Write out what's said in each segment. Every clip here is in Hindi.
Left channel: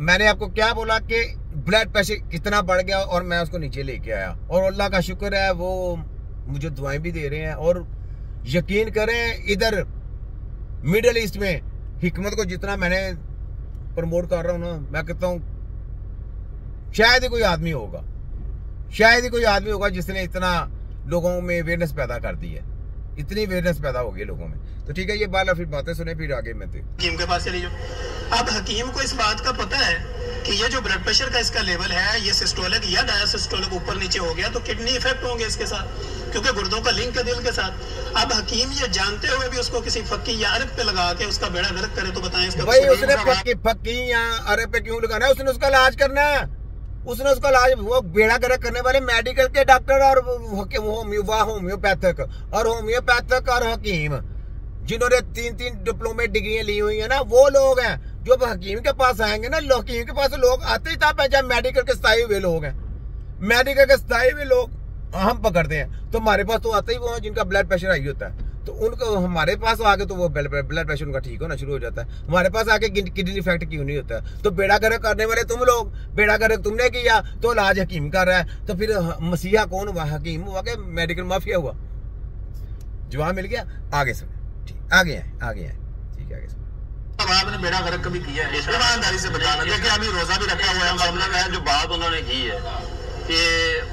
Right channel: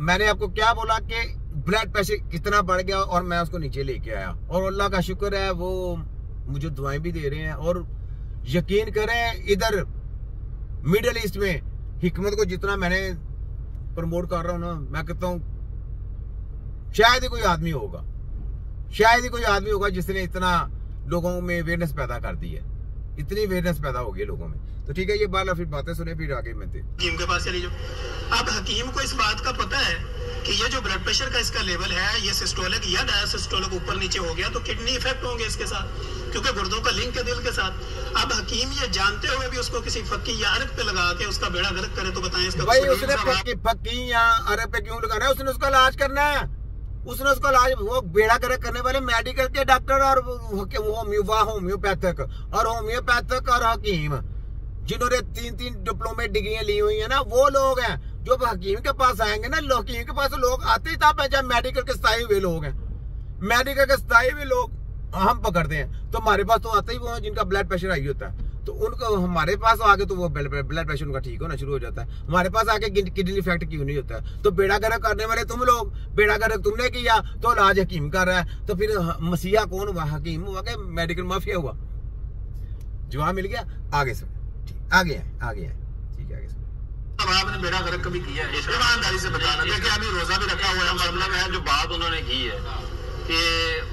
मैंने आपको क्या बोला कि ब्लड प्रेशर कितना बढ़ गया और मैं उसको नीचे लेके आया, और अल्लाह का शुक्र है वो मुझे दुआएं भी दे रहे हैं। और यकीन करें इधर मिडिल ईस्ट में हिकमत को जितना मैंने प्रमोट कर रहा हूँ ना, मैं कहता हूँ शायद ही कोई आदमी होगा जिसने इतना लोगों में अवेयरनेस पैदा कर दी है, इतनी अवेयरनेस पैदा हो गई लोगों में। तो ठीक है, ये बात फिर बातें सुने, फिर आगे मैं हकीम के पास चली जाओ। अब हकीम को इस बात का पता है कि ये जो ब्लड प्रेशर का इसका लेवल है, ये सिस्टोलिक या डायसिस्टोलिक ऊपर नीचे हो गया तो किडनी इफेक्ट होंगे इसके साथ, क्योंकि गुर्दों का लिंक है दिल के साथ। अब हकीम ये जानते हुए भी उसको किसी फक्की या अरब पे लगा के उसका बेड़ा गर्क करे, तो बताएं इसका भाई उसने फक्की या अरब पे क्यों लगाना है? उसने उसका इलाज करना है, उसने उसका इलाज, वो बेड़ा गर्क करने वाले मेडिकल के डॉक्टर और होम्योपैथिक और हकीम जिन्होंने 3-3 डिप्लोमेट डिग्रियां ली हुई है ना, वो लोग हैं जो हकीम के पास आएंगे ना। हकीम के पास लोग आते ही तब है जब मेडिकल के स्थायी हुए लोग हैं। मेडिकल के स्थायी हुए लोग हम पकड़ते हैं, तो हमारे पास तो आते ही वो हैं जिनका ब्लड प्रेशर हाई होता है, तो उनको हमारे पास आके तो वो ब्लड प्रेशर उनका ठीक होना शुरू हो जाता है। हमारे पास आके किडनी इफेक्ट क्यों नहीं होता है? तो बेड़ा गर्क करने वाले तुम लोग, बेड़ा गर्क तुमने किया तो इलाज हकीम कर रहा है, तो फिर मसीहा कौन हुआ? हकीम हुआ कि मेडिकल माफिया हुआ? जवाब मिल गया। आगे सुन, आगे है ठीक है, आगे सुन। अब आपने बेड़ा गर्क कभी किया है? ईमानदारी से बताना। देखिए अभी रोजा भी रखा हुआ है, मतलब है जो बात उन्होंने की है कि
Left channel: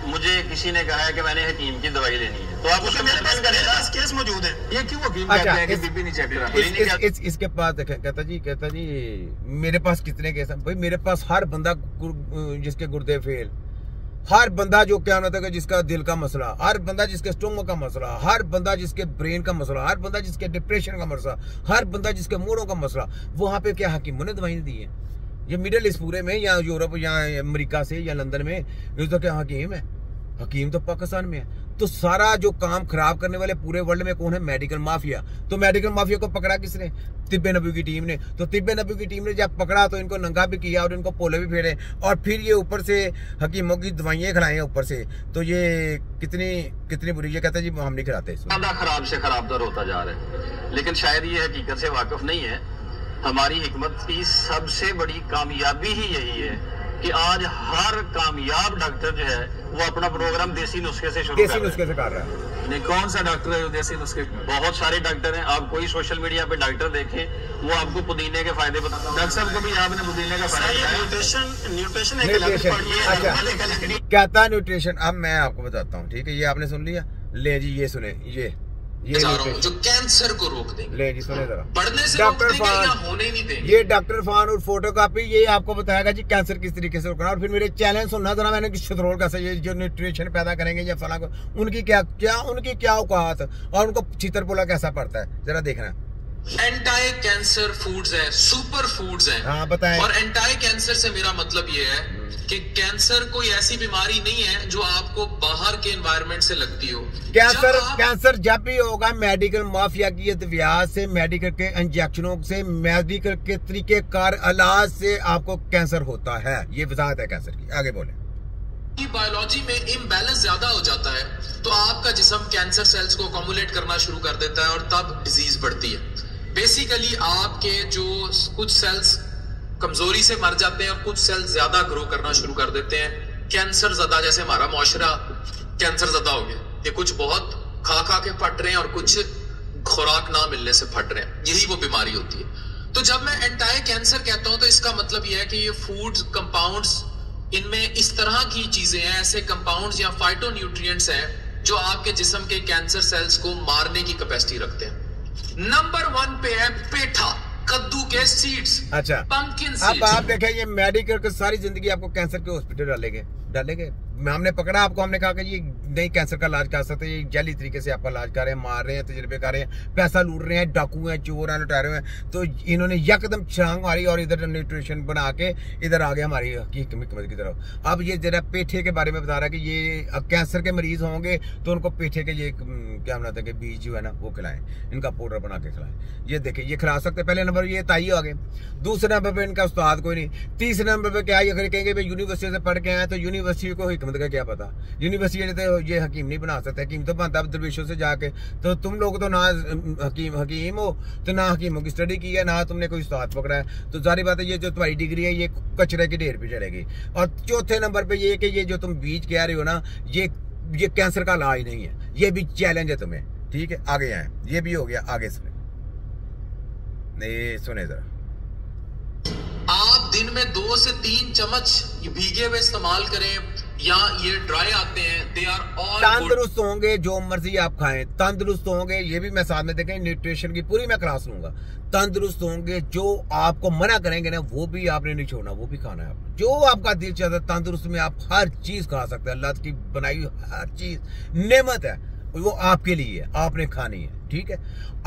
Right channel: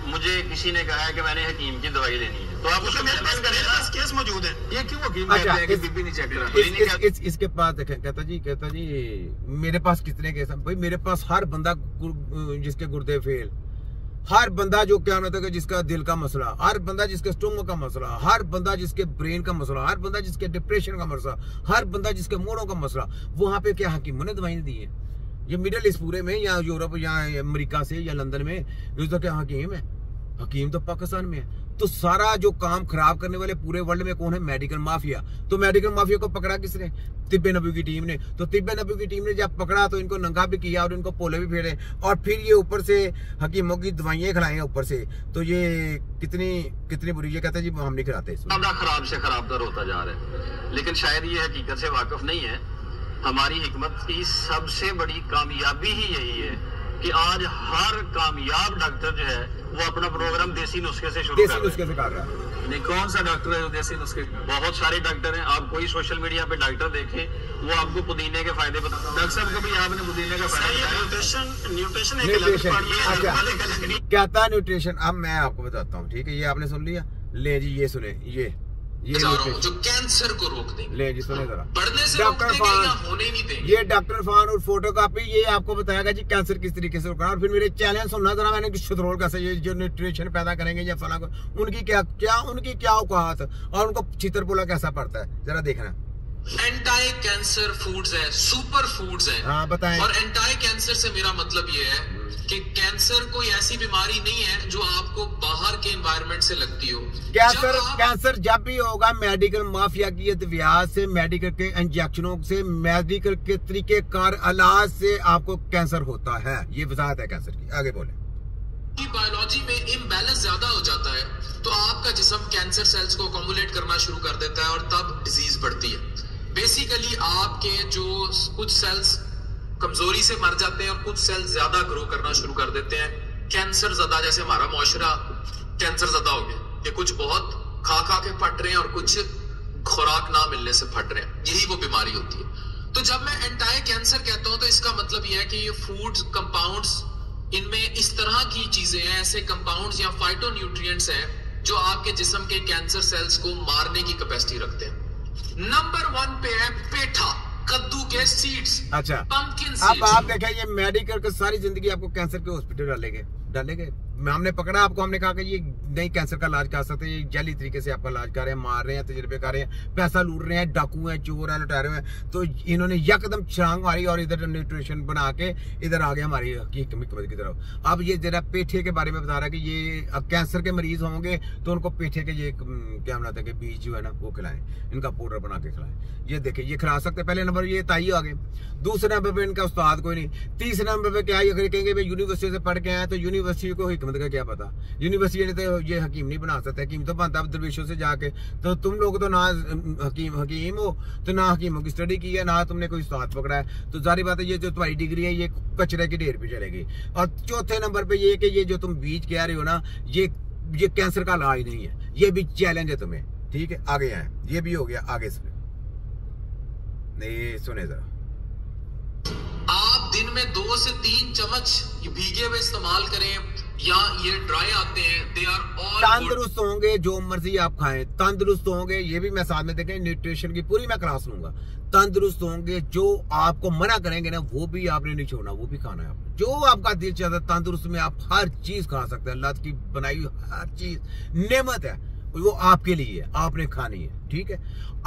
मुझे किसी ने कहा है कि मैंने हकीम की दवाई लेनी है, तो आप उसको मेरे पास करेगा, केस मौजूद है। ये क्यों हकीम अच्छा, कहते हैं कि बीपी नहीं चेक करा? इसके पास देखें, कहता जी मेरे पास कितने केस हैं? भाई मेरे पास हर बंदा जिसके गुर्दे फेल, हर बंदा जो क्या होता है जिसका दिल का मसला, हर बंदा जिसके स्टोमक का मसला, हर बंदा जिसके ब्रेन का मसला, हर बंदा जिसके डिप्रेशन का मसला, हर बंदा जिसके मूडों का मसला, वहां पे क्या हकीमों ने दवाई दी है? ये मिडिल ईस्ट पूरे में या यूरोप या अमेरिका से या लंदन में ये तो क्या हकीम है? हकीम तो पाकिस्तान में है। तो सारा जो काम खराब करने वाले पूरे वर्ल्ड में कौन है? Medical mafia. तो मेडिकल माफिया को पकड़ा किसने? तिब्बे नबी की टीम ने। तो तिब्बे नबी की टीम ने जब पकड़ा तो इनको नंगा भी किया और इनको पोले भी फेरे, और फिर ये ऊपर से हकीमों की दवाइयां खिलाएं ऊपर से। तो ये कितनी बुरी। ये कहते हैं जी हम नहीं खिलाते। खराब से खराब तर होता जा रहा है, लेकिन शायद ये हकीकत से वाकिफ नहीं है। हमारी हिकमत की सबसे बड़ी कामयाबी ही यही है कि आज हर कामयाब डॉक्टर जो है वो अपना प्रोग्राम देसी नुस्खे से शुरू कर रहा है। नहीं, कौन सा डॉक्टर है जो देसी नुस्खे? बहुत सारे डॉक्टर हैं। आप कोई सोशल मीडिया पे डॉक्टर देखें, वो आपको पुदीने के फायदे बताते हैं। डॉक्टर साहब को भी आपने पुदीने का फायदा, न्यूट्रिशन अच्छा कहता है न्यूट्रिशन। अब मैं आपको बताता हूँ, ठीक है? ये आपने सुन लिया, ले जी ये सुने, ये जो कैंसर को रोक देंगे। ले जी सुने जरा, बढ़ने से डॉक्टर फान होने ही नहीं देंगे। ये डॉक्टर फान और फोटोकॉपी ये आपको बताएगा जी कैंसर किस तरीके से रोकना। और फिर मेरे चैलेंज सुनना जरा, मैंने शतरोल कैसे ये जो न्यूट्रिशन पैदा करेंगे या फला को, उनकी क्या औकात और उनको चित्रपोला कैसा पड़ता है, जरा देखना। एंटी कैंसर फूड्स हैं, सुपर फूड्स हैं। हाँ बताएं। और एंटी कैंसर से मेरा मतलब ये है कि कैंसर कोई ऐसी बीमारी नहीं है जो आपको बाहर के एनवायरनमेंट से लगती हो। कैंसर जब भी होगा मेडिकल माफिया की अद्वियात से, मेडिकल के इंजेक्शनों से, मेडिकल के तरीकेकार इलाज से आपको कैंसर होता है। ये वजाहत है कैंसर की। आगे बोले। बायोलॉजी में इम्बैलेंस ज्यादा हो जाता है तो आपका जिस्म कैंसर सेल्स को अकोमुलेट करना शुरू कर देता है और तब डिजीज बढ़ती है। बेसिकली आपके जो कुछ सेल्स कमजोरी से मर जाते हैं और कुछ सेल्स ज्यादा ग्रो करना शुरू कर देते हैं। कैंसर ज्यादा, जैसे हमारा मुआशरा कैंसर ज्यादा हो गया, ये कुछ बहुत खा के फट रहे हैं और कुछ खुराक ना मिलने से फट रहे हैं, यही वो बीमारी होती है। तो जब मैं एंटी कैंसर कहता हूं तो इसका मतलब यह है कि ये फूड्स कंपाउंड्स, इनमें इस तरह की चीजें हैं, ऐसे कंपाउंड्स या फाइटोन्यूट्रिएंट्स हैं जो आपके जिस्म के कैंसर सेल्स को मारने की कैपेसिटी रखते हैं। नंबर 1 पे है पेठा, कद्दू के सीड्स। अच्छा, पंपकिन सीड्स। अब आप देखें ये मेडिकल की सारी जिंदगी आपको कैंसर के हॉस्पिटल डालेंगे। हमने पकड़ा आपको, हमने कहा कि ये नहीं कैंसर का इलाज कर सकते, ये जैली तरीके से आपका इलाज कर रहे हैं, मार रहे हैं, तजर्बे कर रहे हैं, पैसा लूट रहे हैं, डाकू हैं, चोर हैं, लुटेरे हैं। तो इन्होंने यकदम छलांग मारी और इधर न्यूट्रिशन बना के इधर आ गया हमारी हिकमत की तरफ। अब ये जरा पेठे के बारे में बता रहा है कि ये कैंसर के मरीज होंगे तो उनको पेठे के ये क्या बनाते हैं कि बीज जो है ना वो खिलाएं, इनका पाउडर बना के खिलाएं। ये देखिए ये खिला सकते। पहले नंबर ये ताई आ गए, दूसरे नंबर पे इनका उस्ताद कोई नहीं, तीसरे नंबर पे क्या ये कहेंगे यूनिवर्सिटी से पढ़ के आए तो यूनिवर्सिटी को हिकमत का क्या पता। यूनिवर्सिटी तो ये हकीम नहीं बना सकते, हकीम तो बनता है दरवेशों से जाके। तो तुम लोग तो ना हकीम हो, तो ना हकीमों की स्टडी की है, ना तुमने कोई उस्ताद पकड़ा है। तो जारी बात है ये जो तुम्हारी डिग्री है ये कचरे के ढेर पे चलेगी। और चौथे नंबर पे ये कि ये जो तुम बीज कह रहे हो ना, ये कैंसर का इलाज नहीं है, ये भी चैलेंज है तुम्हें। ठीक है, आगे आए, ये भी हो गया। आगे सुने जरा, आप दिन में 2 से 3 चम्मच भीगे हुए इस्तेमाल करें या ये ड्राई आते हैं, दे आर ऑल तंदुरुस्त होंगे। जो मर्जी आप खाएं तंदुरुस्त होंगे। ये भी मैं साथ में देखें, न्यूट्रिशन की पूरी मैं क्लास लूंगा। तंदुरुस्त होंगे। जो आपको मना करेंगे ना वो भी आपने नहीं छोड़ना, वो भी खाना है आपको। जो आपका दिल चाहता है तंदुरुस्त में आप हर चीज खा सकते हैं। अल्लाह की बनाई हर चीज नेमत है, वो आपके लिए है, आपने खानी है। ठीक है,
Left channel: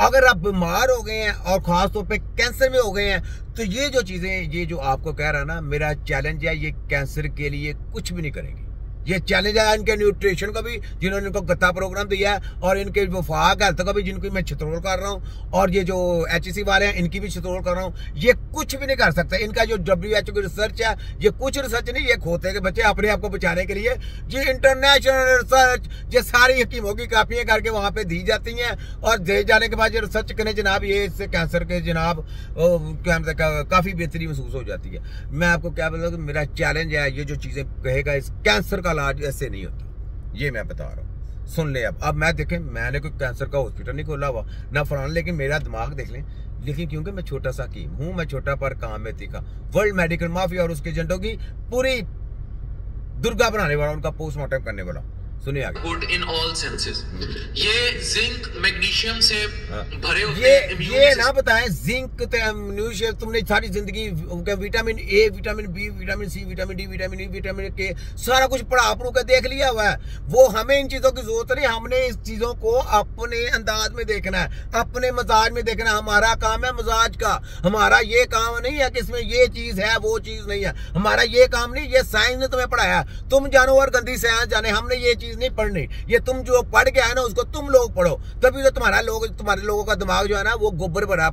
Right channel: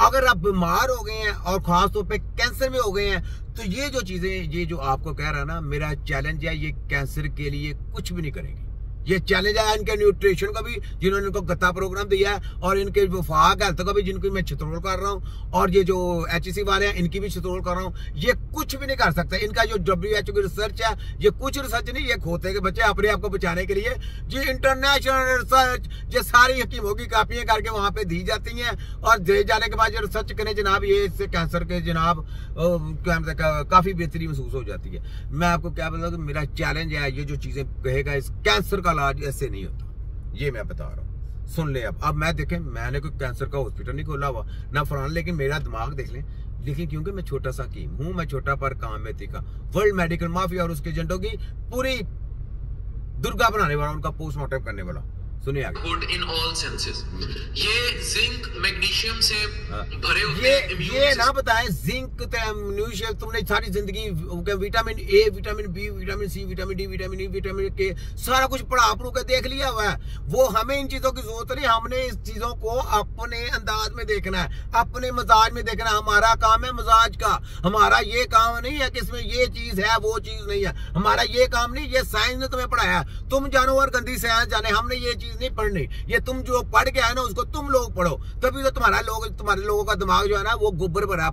अगर आप बीमार हो गए हैं और खास तौर पे कैंसर में हो गए हैं, तो ये जो चीजें, ये जो आपको कह रहा है ना, मेरा चैलेंज है, ये कैंसर के लिए कुछ भी नहीं करेंगे। ये चैलेंज है इनके न्यूट्रिशन का भी, जिन्होंने इनको गत्ता प्रोग्राम दिया है, और इनके वफाक हेल्थ का भी, जिनको मैं छितरोल कर रहा हूँ, और ये जो HEC वाले हैं इनकी भी छितरोल कर रहा हूँ। ये कुछ भी नहीं कर सकते। इनका जो WHO की रिसर्च है, ये कुछ रिसर्च नहीं, ये खोते के बच्चे अपने आप को बचाने के लिए ये इंटरनेशनल रिसर्च, ये सारी हकीमों की कापियां करके वहां पे दी जाती हैं, और दे जाने के बाद ये रिसर्च करें जनाब, ये इससे कैंसर के जनाब काफी बेहतरी महसूस हो जाती है। मैं आपको क्या बताऊँ, मेरा चैलेंज है, ये जो चीजें कहेगा, इस कैंसर का इलाज ऐसे नहीं होता, ये मैं बता रहा हूँ। सुन ले अब मैं देखें, मैंने कोई कैंसर का हॉस्पिटल नहीं खोला हुआ ना फलाना, लेकिन मेरा दिमाग देख लें। लेकिन क्योंकि मैं छोटा सा हकीम हूँ, मैं छोटा पर काम में तीखा। वर्ल्ड मेडिकल माफिया और उसके एजेंटों की पूरी दुर्गा बनाने वाला, उनका पोस्टमार्टम करने वाला। सुनिए आगे। Good in all senses. ये जिंक मैग्नीशियम से भरे होते हैं। ये ना बताएं, जिंक मैग्नीशियम तुमने सारी जिंदगी vitamin A, vitamin B, vitamin C, vitamin D, vitamin E, vitamin K सारा कुछ पढ़ा पढ़ू के देख लिया हुआ है। वो हमें इन चीजों की जरूरत नहीं, हमने इस चीजों को अपने अंदाज में देखना है, अपने मजाज में देखना है। हमारा काम है मजाज का, हमारा ये काम नहीं है कि इसमें ये चीज है वो चीज नहीं है। हमारा ये काम नहीं, ये साइंस ने तुम्हें पढ़ाया, तुम जानो और गंदी साइंस जाने, हमने ये चीज नहीं पढ़नी। ये तुम जो पढ़ के आए ना उसको तुम लोग पढ़ो, तभी तो तुम्हारे लोगों का दिमाग जो है ना वो गोबर भरा